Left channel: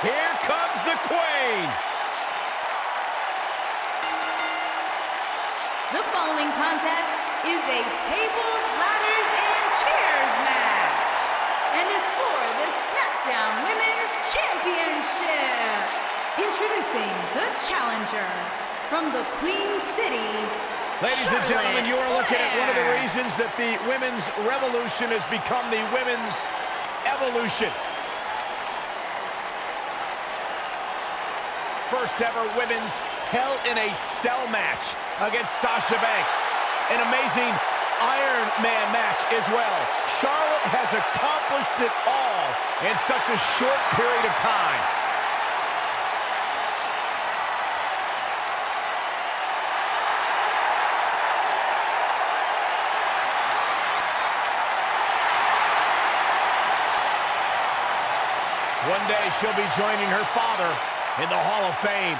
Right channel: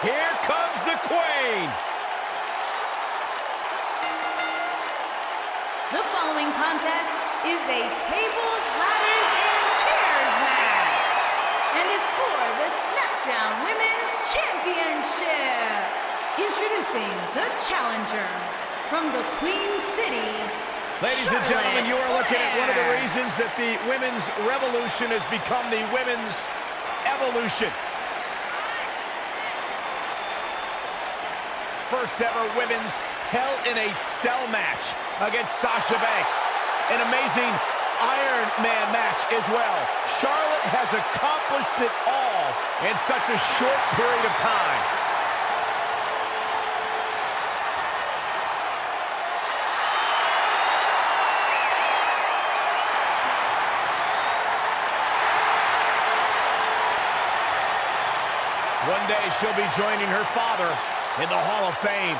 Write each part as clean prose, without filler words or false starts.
Here comes the Queen. The following contest is a tables, ladders, and chairs match, and is for the SmackDown Women's Championship. Introducing the challenger from the Queen City, Ladies and gentlemen, you are looking at one of the reasons that the women's revolution has become the women's evolution. First ever women's Hell in a Cell match against Sasha Banks. An amazing Iron Man match as well. Charlotte has accomplished it all in such a short period of time. One day she'll be joining her father in the Hall of Fame.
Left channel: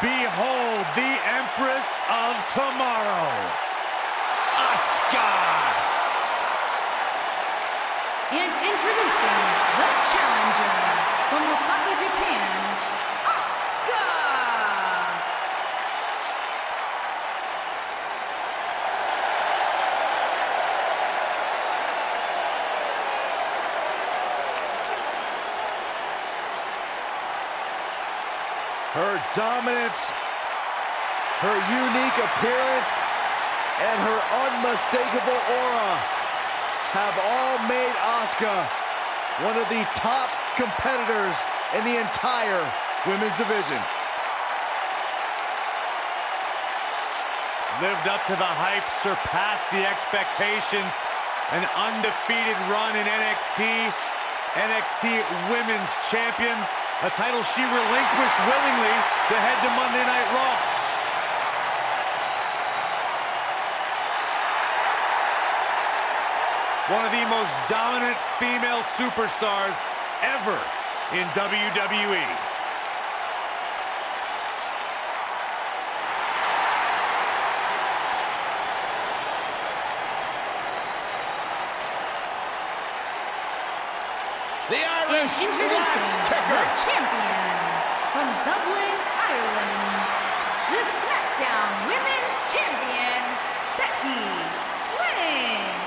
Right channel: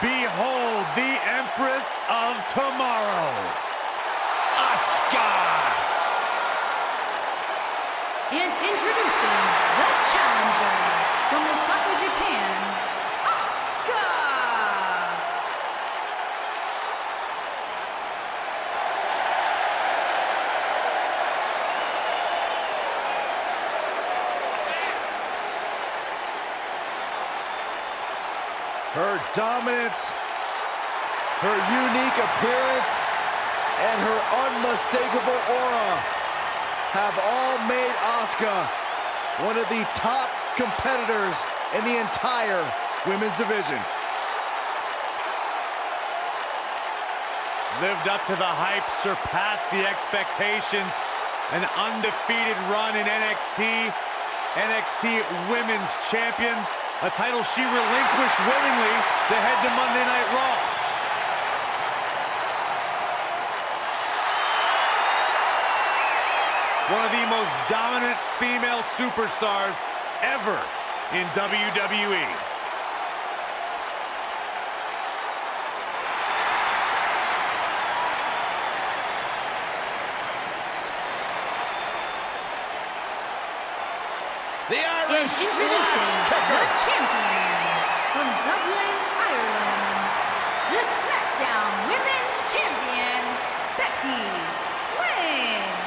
Behold the Empress of Tomorrow, Asuka! And introducing the challenger from Osaka, Japan, Asuka! Her dominance, her unique appearance, and her unmistakable aura have all made Asuka one of the top competitors in the entire women's division. lived up to the hype, surpassed the expectations. An undefeated run in NXT, NXT Women's Champion, a title she relinquished willingly to head to Monday Night Raw. One of the most dominant female superstars ever in WWE. The Irish Introducing kicker. the champion from Dublin, Ireland, the SmackDown Women's Champion, Becky Lynch.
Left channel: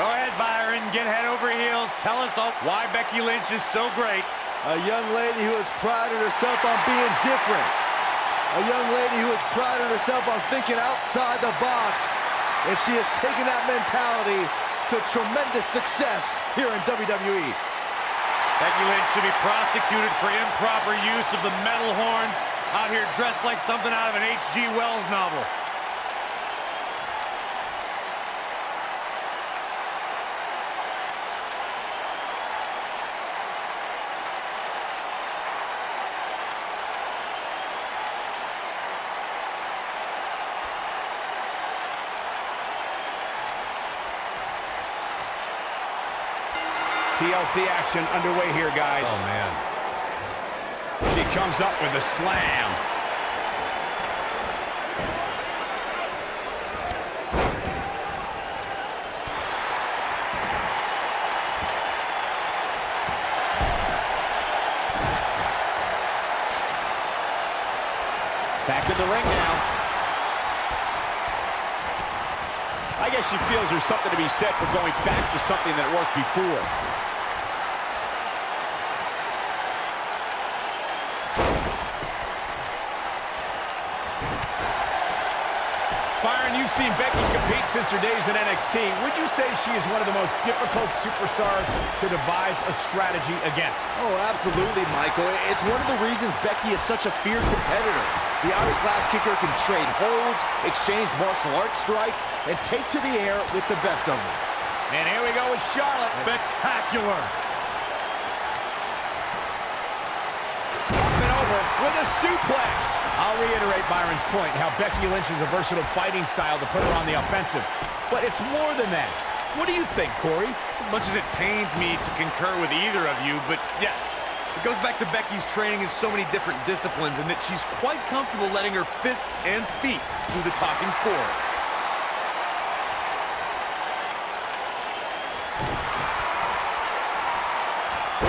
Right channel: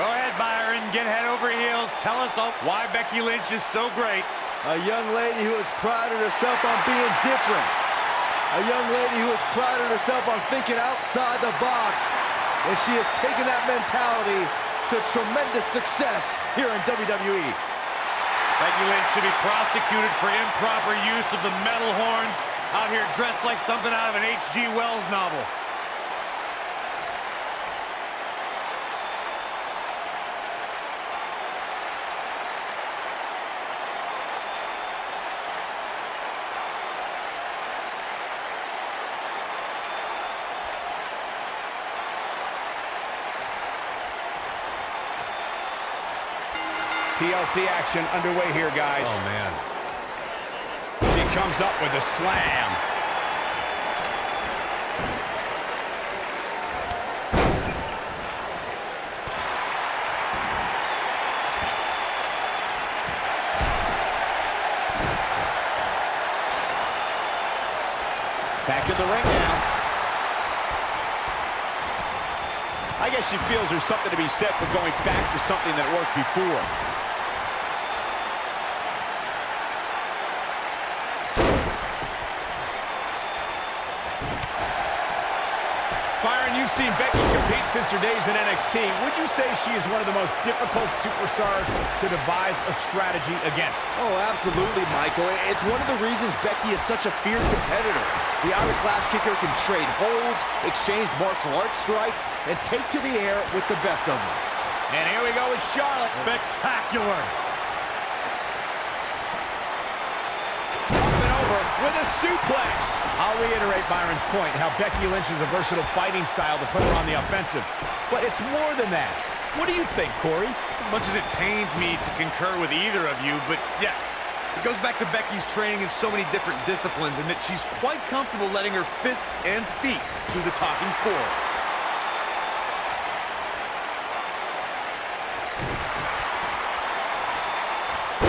Go ahead, Byron. Get head over heels. Tell us all why Becky Lynch is so great. A young lady who has prided herself on being different. A young lady who has prided herself on thinking outside the box. And she has taken that mentality to tremendous success here in WWE. Becky Lynch should be prosecuted for improper use of the metal horns, out here dressed like something out of an H.G. Wells novel. TLC action underway here, guys. Oh, man. She comes up with a slam. Back in the ring now. I guess she feels there's something to be said for going back to something that worked before. Byron, you've seen Becky compete since her days in NXT. Would you say she is one of the most difficult superstars to devise a strategy against? Oh, absolutely, Michael. It's one of the reasons Becky is such a fierce competitor. The Irish Lash Kicker can trade holds, exchange martial arts strikes, and take to the air with the best of them. And here we go with Charlotte. Spectacular. Up and over with a suplex. I'll reiterate Byron's point, how Becky Lynch is a versatile fighting style to put her on the offensive. But it's more than that. What do you think, Corey? As much as it pains me to concur with either of you, but yes, it goes back to Becky's training in so many different disciplines and that she's quite comfortable letting her fists and feet do the talking for her.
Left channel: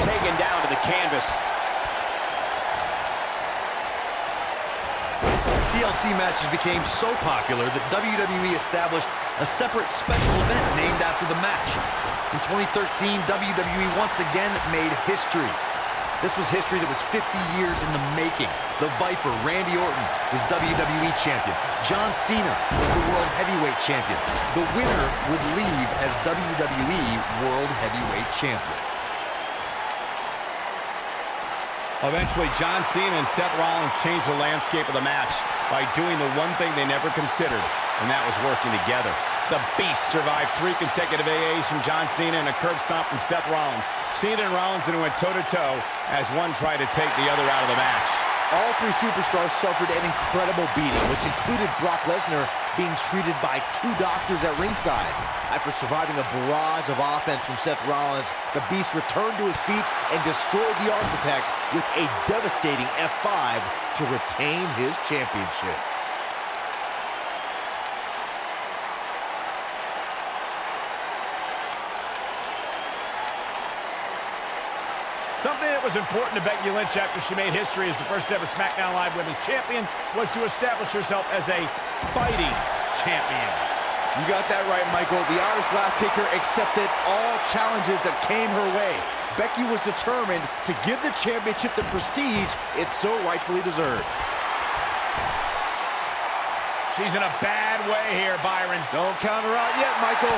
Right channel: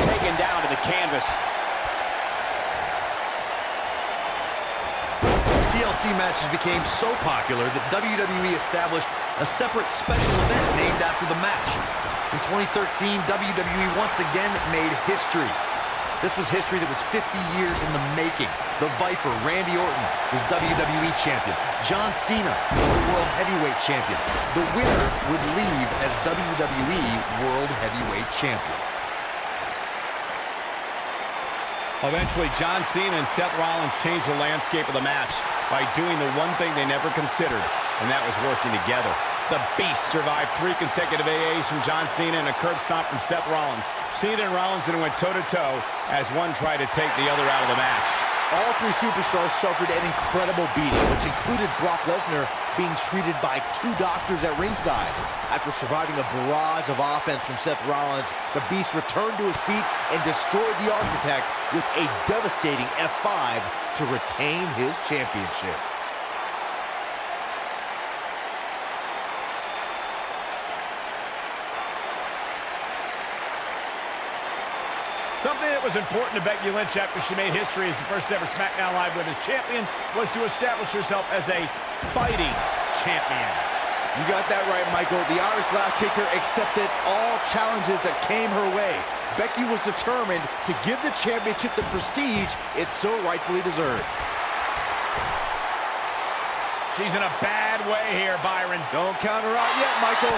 Taken down to the canvas. TLC matches became so popular that WWE established a separate special event named after the match. In 2013, WWE once again made history. This was history that was 50 years in the making. The Viper, Randy Orton, was WWE Champion. John Cena was the World Heavyweight Champion. The winner would leave as WWE World Heavyweight Champion. Eventually, John Cena and Seth Rollins changed the landscape of the match by doing the one thing they never considered, and that was working together. The Beast survived 3 consecutive AAs from John Cena and a curb stomp from Seth Rollins. Cena and Rollins then went toe-to-toe as one tried to take the other out of the match. All 3 superstars suffered an incredible beating, which included Brock Lesnar being treated by 2 doctors at ringside. After surviving a barrage of offense from Seth Rollins, the Beast returned to his feet and destroyed the Architect with a devastating F5 to retain his championship. Something that was important to Becky Lynch after she made history as the first ever SmackDown Live Women's Champion was to establish herself as a fighting champion. You got that right, Michael. The Irish Laugh Kicker accepted all challenges that came her way. Becky was determined to give the championship the prestige it so rightfully deserved. She's in a bad way here, Byron. Don't count her out yet, Michael.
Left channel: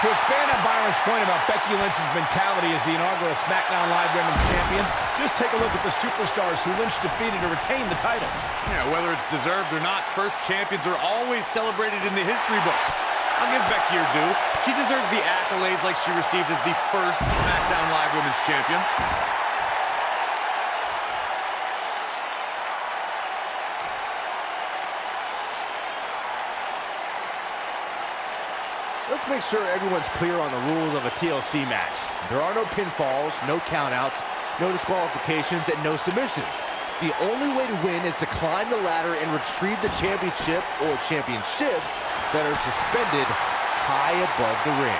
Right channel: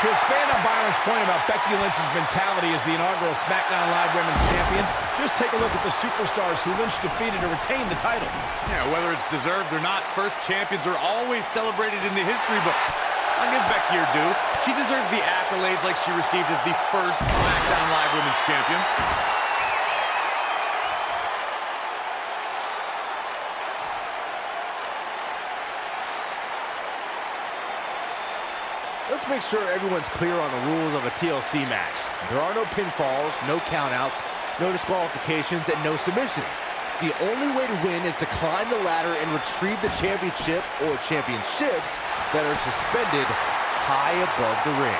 To expand on Byron's point about Becky Lynch's mentality as the inaugural SmackDown Live Women's Champion, just take a look at the superstars who Lynch defeated to retain the title. Yeah, whether it's deserved or not, first champions are always celebrated in the history books. I'll give Becky her due. She deserves the accolades like she received as the first SmackDown Live Women's Champion. Let's make sure everyone's clear on the rules of a TLC match. There are no pinfalls, no countouts, no disqualifications, and no submissions. The only way to win is to climb the ladder and retrieve the championship or championships that are suspended high above the ring.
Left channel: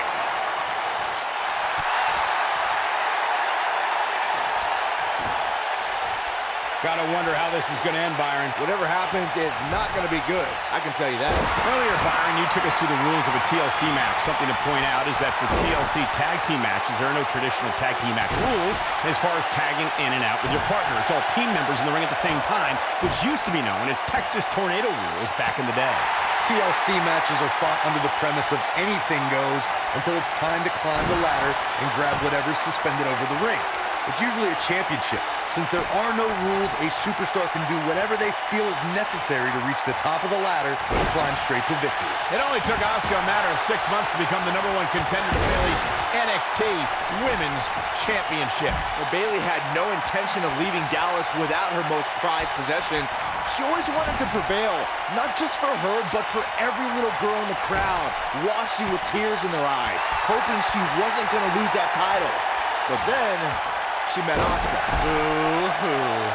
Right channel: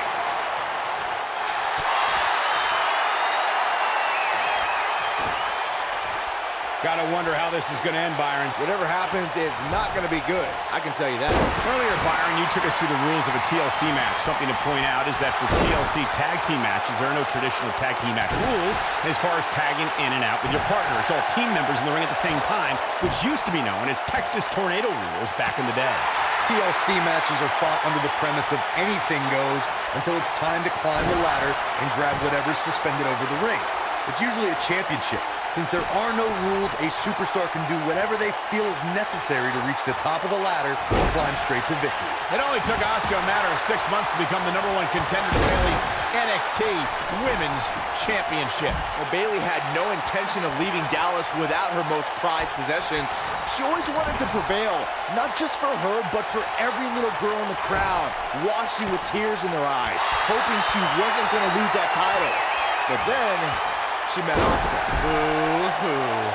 Gotta wonder how this is gonna end, Byron. Whatever happens, it's not gonna be good. I can tell you that. Earlier, Byron, you took us through the rules of a TLC match. Something to point out is that for TLC tag team matches, there are no traditional tag team match rules as far as tagging in and out with your partner. It's all team members in the ring at the same time, which used to be known as Texas Tornado rules back in the day. TLC matches are fought under the premise of anything goes until it's time to climb the ladder and grab whatever's suspended over the ring. It's usually a championship. Since there are no rules, a superstar can do whatever they feel is necessary to reach the top of the ladder and climb straight to victory. It only took Asuka a matter of 6 months to become the #1 contender to Bayley's NXT Women's Championship. Well, Bayley had no intention of leaving Dallas without her most prized possession. She always wanted to prevail, not just for her, but for every little girl in the crowd, watching with tears in their eyes, hoping she wasn't going to lose that title. But then she met Asuka. Boo-hoo.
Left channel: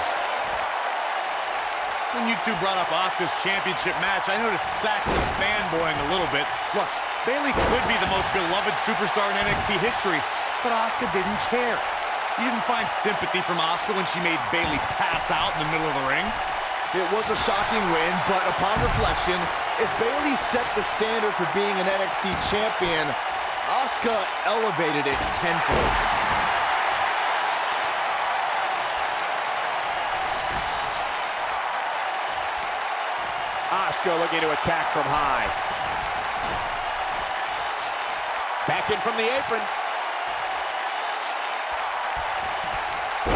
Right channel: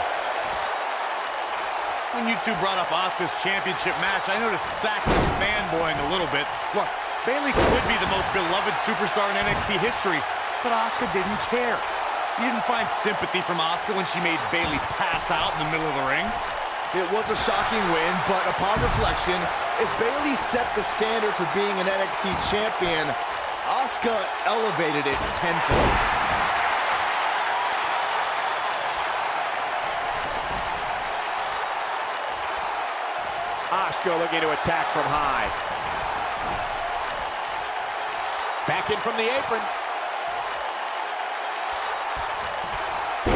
When you two brought up Asuka's championship match, I noticed Saxton fanboying a little bit. Look, Bayley could be the most beloved superstar in NXT history, but Asuka didn't care. You didn't find sympathy from Asuka when she made Bayley pass out in the middle of the ring. It was a shocking win, but upon reflection, if Bayley set the standard for being an NXT champion, Asuka elevated it tenfold. Asuka looking to attack from high. Back in from the apron.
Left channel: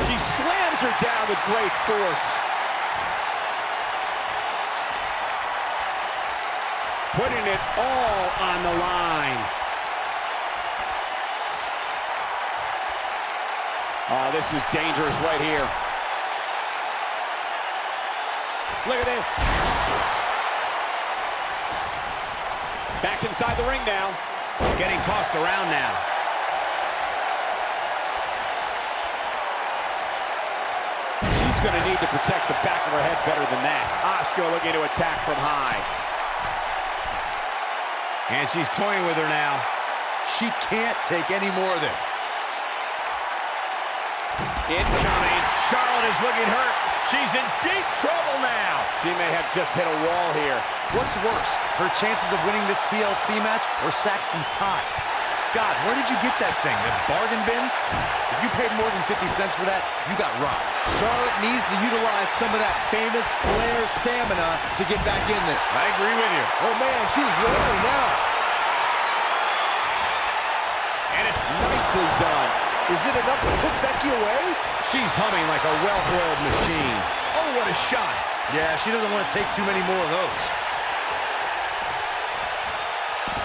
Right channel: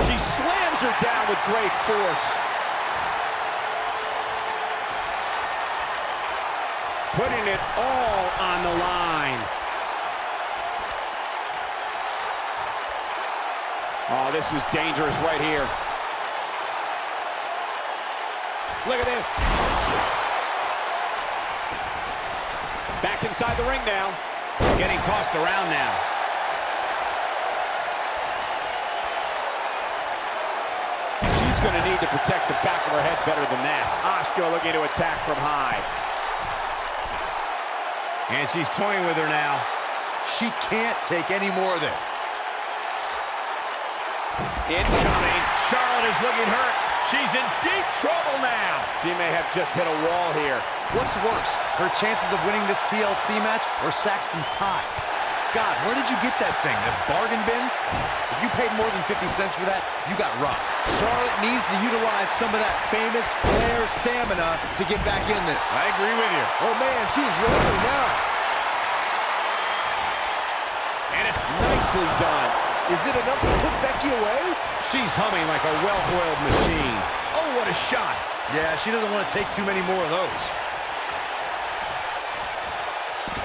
She slams her down with great force. Putting it all on the line. Oh, this is dangerous right here. Look at this. Back inside the ring now. Getting tossed around now. She's going to need to protect the back of her head better than that. Asuka looking to attack from high. And she's toying with her now. She can't take any more of this. Incoming. Charlotte is looking hurt. She's in deep trouble now. She may have just hit a wall here. What's worse, her chances of winning this TLC match or Saxton's tie? God, where did you get that thing? The bargain bin? If you paid more than 50 cents for that, you got robbed. Charlotte needs to utilize some of that famous Flair stamina to get back in this. I agree with you. Oh man, she's rolling now. And it's nicely done. Is it enough to put Becky away? She's humming like a well-oiled machine. Oh, what a shot. Yeah, she doesn't want to take too many more of those.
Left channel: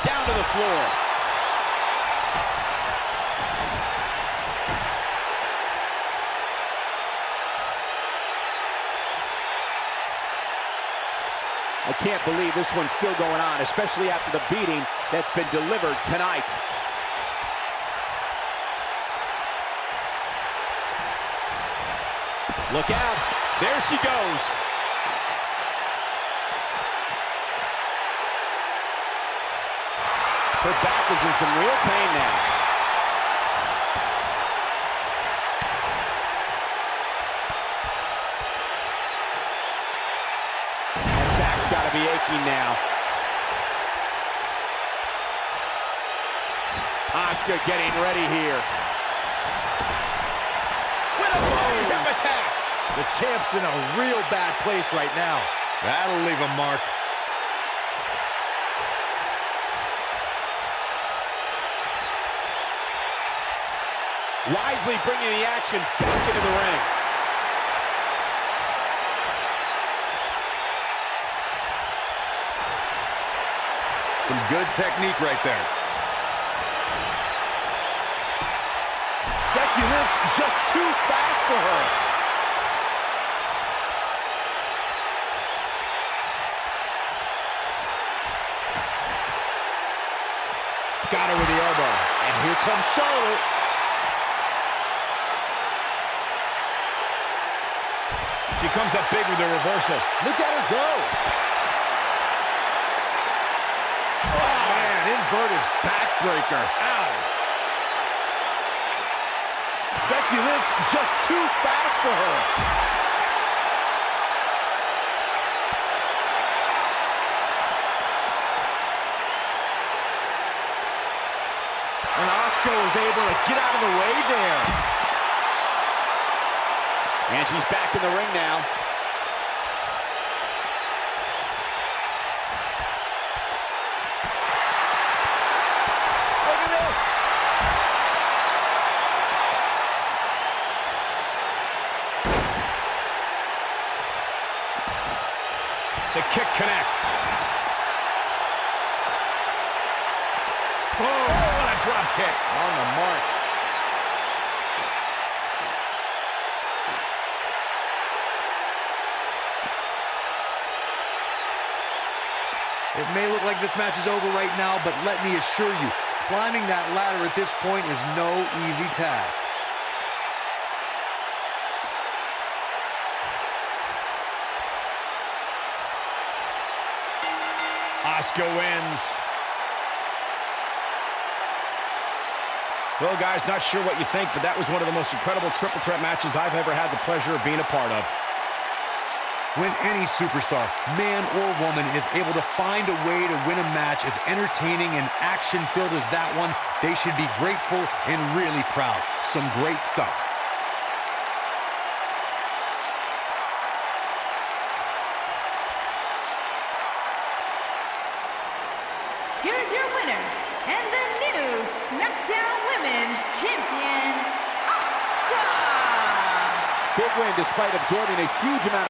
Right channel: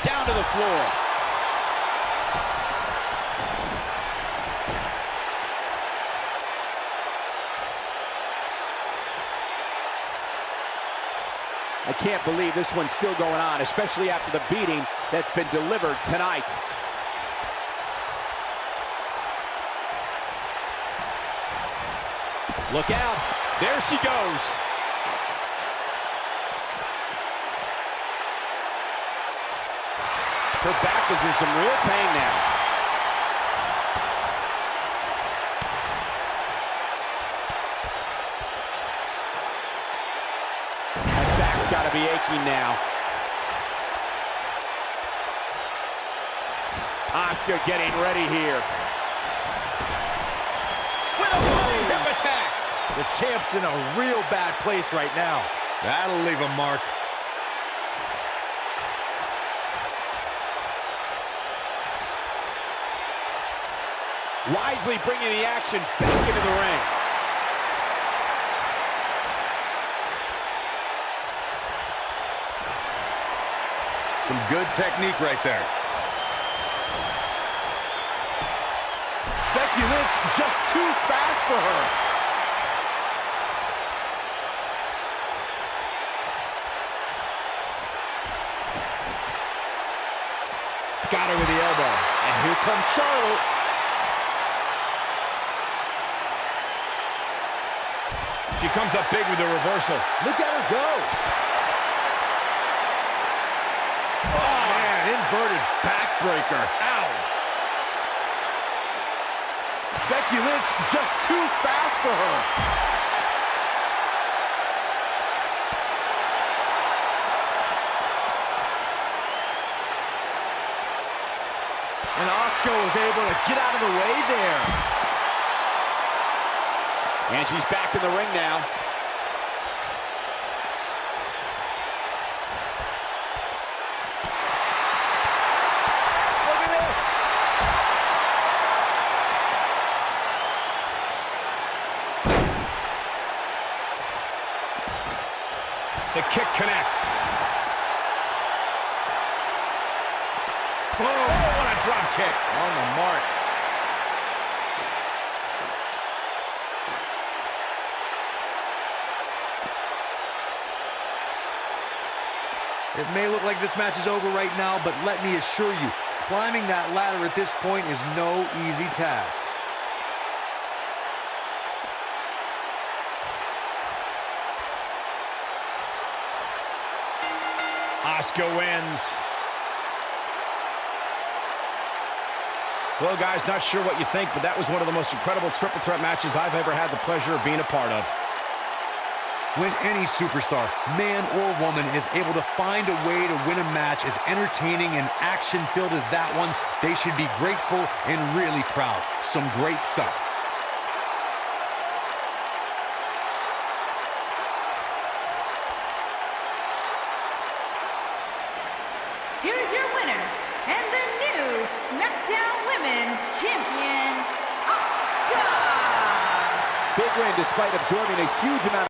Down to the floor. I can't believe this one's still going on, especially after the beating that's been delivered tonight. Look out. There she goes. Her back is in some real pain now. That back's got to be aching now. Asuka getting ready here. With a running hip attack. The champ's in a real bad place right now. That'll leave a mark. Wisely bringing the action back into the ring. Some good technique right there. Becky Lynch just too fast for her. Got her with the elbow. And here comes Charlotte. She comes up big with the reversal. Look at her go. Oh, man, inverted backbreaker. Ow. Becky Lynch just too fast for her. And Asuka was able to get out of the way there. And she's back in the ring now. Look at this. The kick connects. Oh, what a drop kick. On the mark. It may look like this match is over right now, but let me assure you, climbing that ladder at this point is no easy task. Asuka wins. Well, guys, not sure what you think, but that was one of the most incredible triple threat matches I've ever had the pleasure of being a part of. When any superstar, man or woman, is able to find a way to win a match as entertaining and action-filled as that one, they should be grateful and really proud. Some great stuff. Here's your winner, and the new SmackDown Women's Champion, Asuka! Big win despite absorbing a huge amount of